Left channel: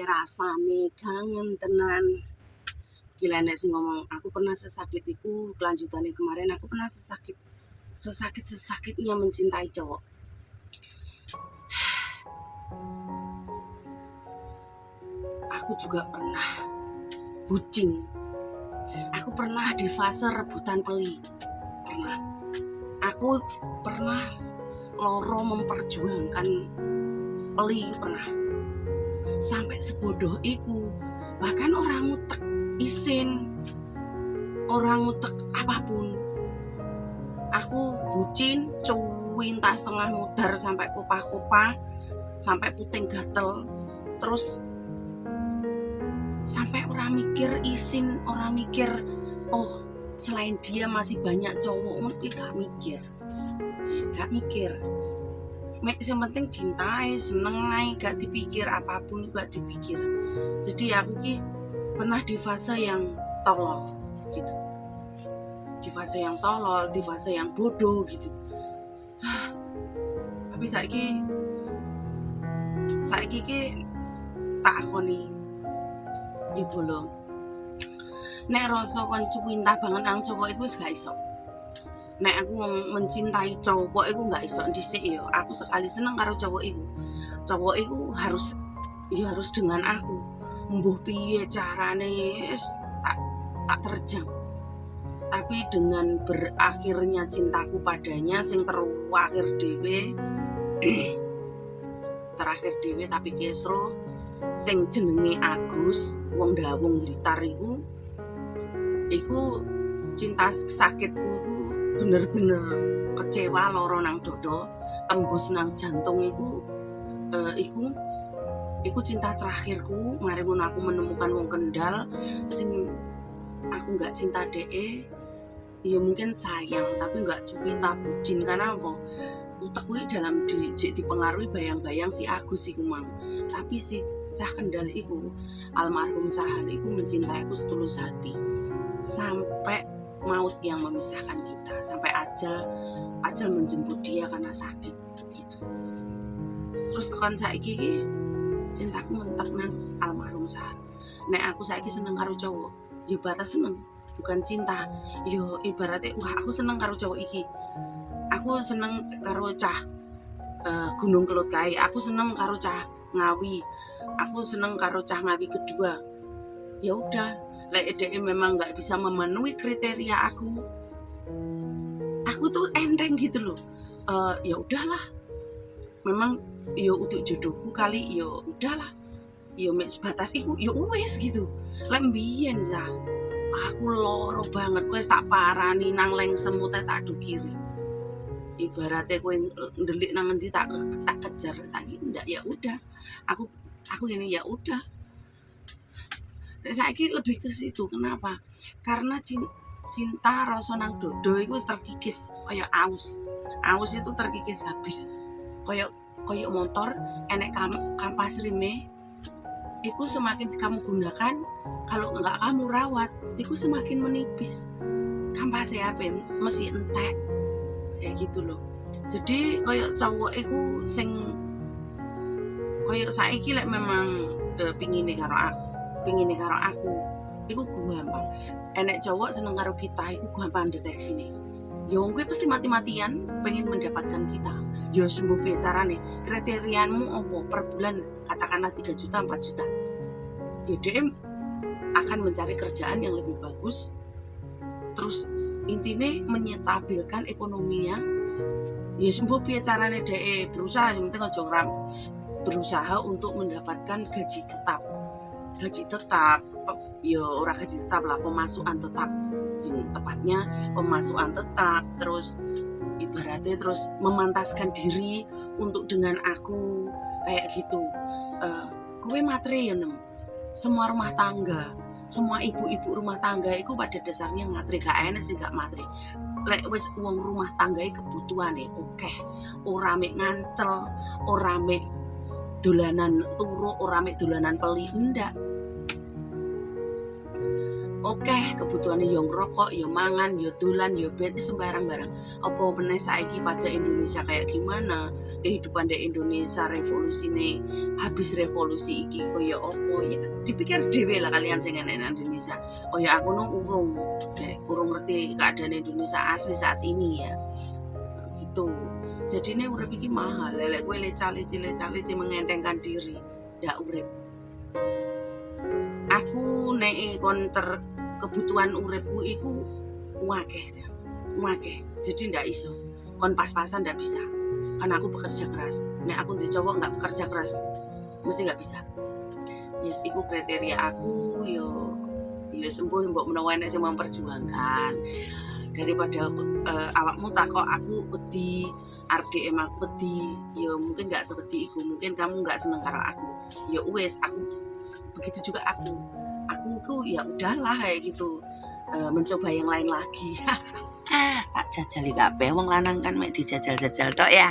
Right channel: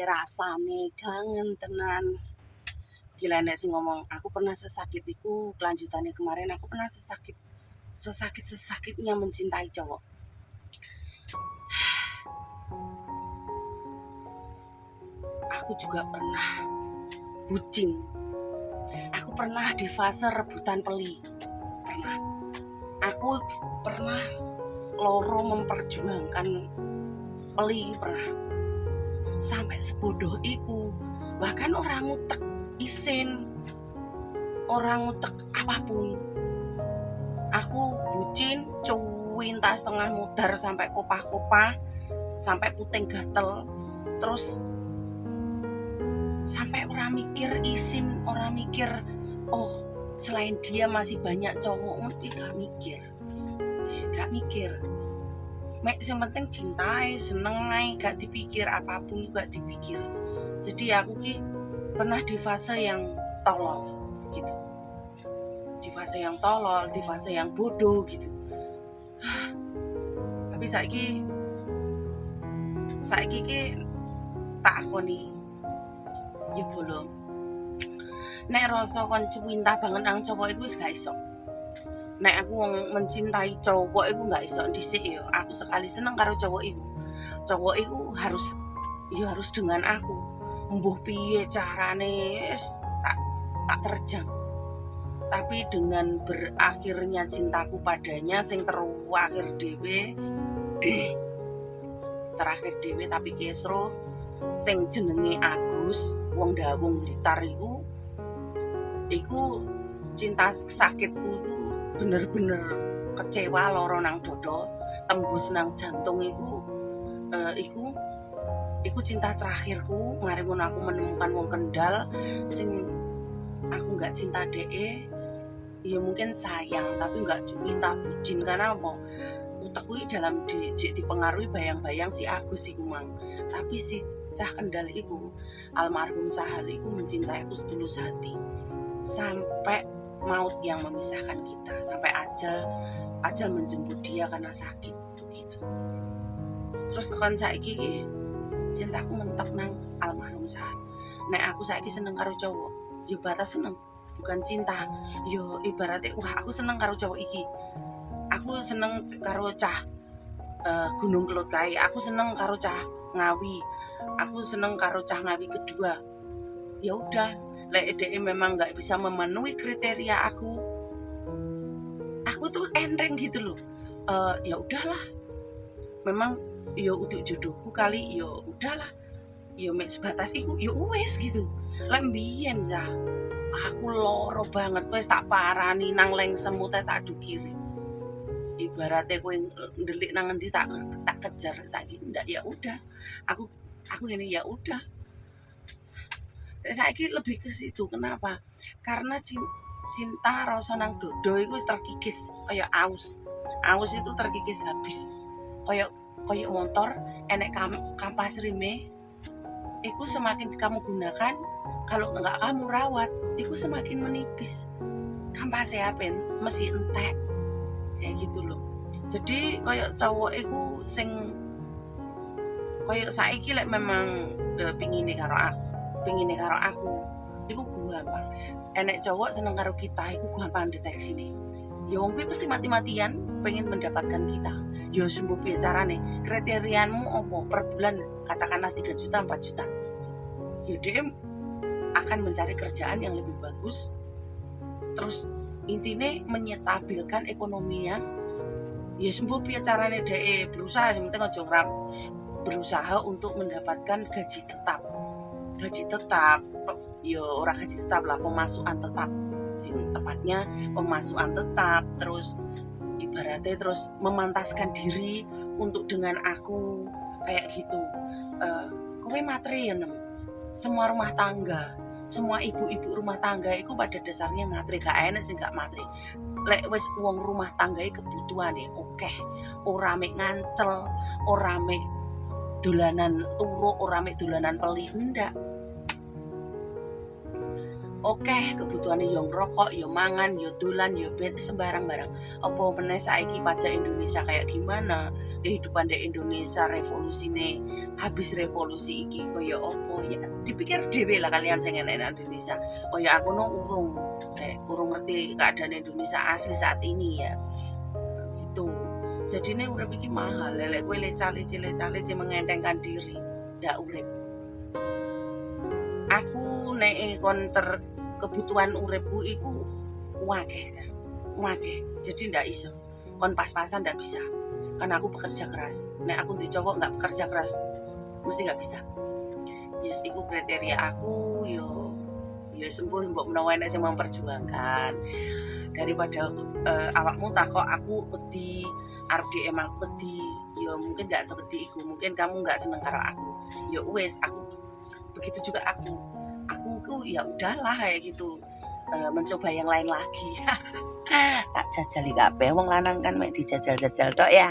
Rasane kangen tenan. Gila nek sing ngomong aku pernah sesakit iku, kelanjutannya kemarin aku pernah sesakit-sesakitnya mencintai cowok. Aku juga pernah bucin. Aku pernah di fase rebutan peli. Pernah. Aku pernah loro memperjuangkan peli pernah. Sampai sebodoh iku. Bahkan orang ngutek isin, orang ngutek apapun. Aku bucin, cuwinta setengah mudar sampai kopah-kopah, sampai puting gatel, terus sampai orang mikir isin, orang mikir oh selain dia masih banyak cowok, gak mikir. Mek yang penting cintai, seneng ae, gak dipikir apapun gak dipikir. Jadi aku ki pernah di fase yang tolol gitu. Di fase yang tolol, di fase yang bodoh gitu. Tapi saiki ki tak akoni ya belum. Nek rasa kon cuwinta banget nang cowok iku wis gak iso. Nek aku mencintai cowok iku gak iso dhisik ya. Aku sekali seneng karo cowok iku. Cowok iku harus dengan aku. Mbuh piye carane tak terjang. Tapi dengan berakhirnya cintaku padanya sing terakhir dhewe tapi kesro sing jenenge Agus wong Dawung Blitar iku cinta sakitku iku bener-bener kecewa, loro nang dodo, tembus nang jantung iku cinta terakhirku. Mari ngono aku menemukan wong Kendal sing aku nggak cinta DE, ya mungkin sayang tapi nggak cinta bucin. Karena apa? Utekku dalam dipengaruhi bayang-bayang si Agus iku mang. Tapi si cah Kendal iku, almarhum Sahal iku mencintai aku setulus hati. Sampai maut yang memisahkan kita, sampai ajal menjemput dia karena sakit gitu. Terus tekan saiki cintaku mentok nang almarhum Sahal. Nek aku saiki seneng karo cowok, ya batas seneng, bukan cinta. Yo ibaratnya wah aku seneng karo cowok iki. Aku seneng karo cah Gunung Kelut kae. Aku seneng karo cah Ngawi. Aku seneng karo cah Ngawi kedua. Ya udah, lek DE memang nggak bisa memenuhi kriteria aku tuh enteng gitu loh. Ya udahlah. Memang yo untuk jodohku kali yo udahlah. Yo mek sebatas iku yo wis gitu. Lek mbiyen ya aku loro banget wis tak parani nang leng semut tak dukiri. Ibaratnya kowe ndelik nang ngendi tak kejar saiki ndak ya udah. Aku gini ya udah. Saiki lebih ke situ. Kenapa? Karena cinta rasa nang dodo iku wis terkikis kaya aus. Aus itu terkikis habis. Kaya motor enek kampas rime. Iku semakin kamu gunakan, kalau enggak kamu rawat, iku semakin menipis. Kampasnya apa? Mesti entek. Kayak gitu loh. Jadi kaya cowok iku sing kaya saiki lek memang pingine karo aku iku gampang. Enek cowok seneng karo kita iku gampang deteksine. Ya wong kuwi pasti mati-matian pengen mendapatkan kita. Ya sembuh piye carane? Kriteriamu opo? Per bulan katakanlah 3 juta, 4 juta. Ya dia akan mencari kerjaan yang lebih bagus. Terus intine menyetabilkan ekonominya. Ya sembuh piye carane DE berusaha sementing aja berusaha untuk mendapatkan gaji tetap, ya ora gaji tetap lah, pemasukan tetap. Tepatnya pemasukan tetap, terus ibaratnya terus memantaskan diri untuk dengan aku kayak gitu. Kowe materi ya nem. Semua rumah tangga, semua ibu-ibu rumah tangga itu pada dasarnya materi, gak enak sih gak materi. Lek wis wong rumah tangga kebutuhane oke, ora mek ngancel, ora mek dolanan turu, ora mek dolanan peli, ndak. Oke, kebutuhane yo ngrokok, yo mangan, yo dolan, yo sembarang-barang. Apa meneh saiki pajak Indonesia kayak gimana? kehidupan di Indonesia revolusine habis revolusi iki kaya opo ya dipikir dhewe lah kalian sing enek nang Indonesia kaya aku no urung ngerti keadaan Indonesia asli saat ini ya gitu jadi ini urip iki mahal lelek kowe lece mengentengkan diri ndak urip aku nek konter kebutuhan uripku iku wakeh jadi ndak iso kon pas-pasan ndak bisa karena aku bekerja keras nek aku di cowok nggak bekerja keras mesti nggak bisa yes iku kriteria aku yo sembuh mbok menawa nek sing memperjuangkan daripada awakmu takok aku wedi arep DM aku wedi yo mungkin nggak seperti iku mungkin kamu nggak seneng karo aku yo wes aku begitu juga aku ku ya udahlah kayak gitu mencoba yang lain lagi tak jajali kabeh wong lanang kan mek dijajal-jajal tok ya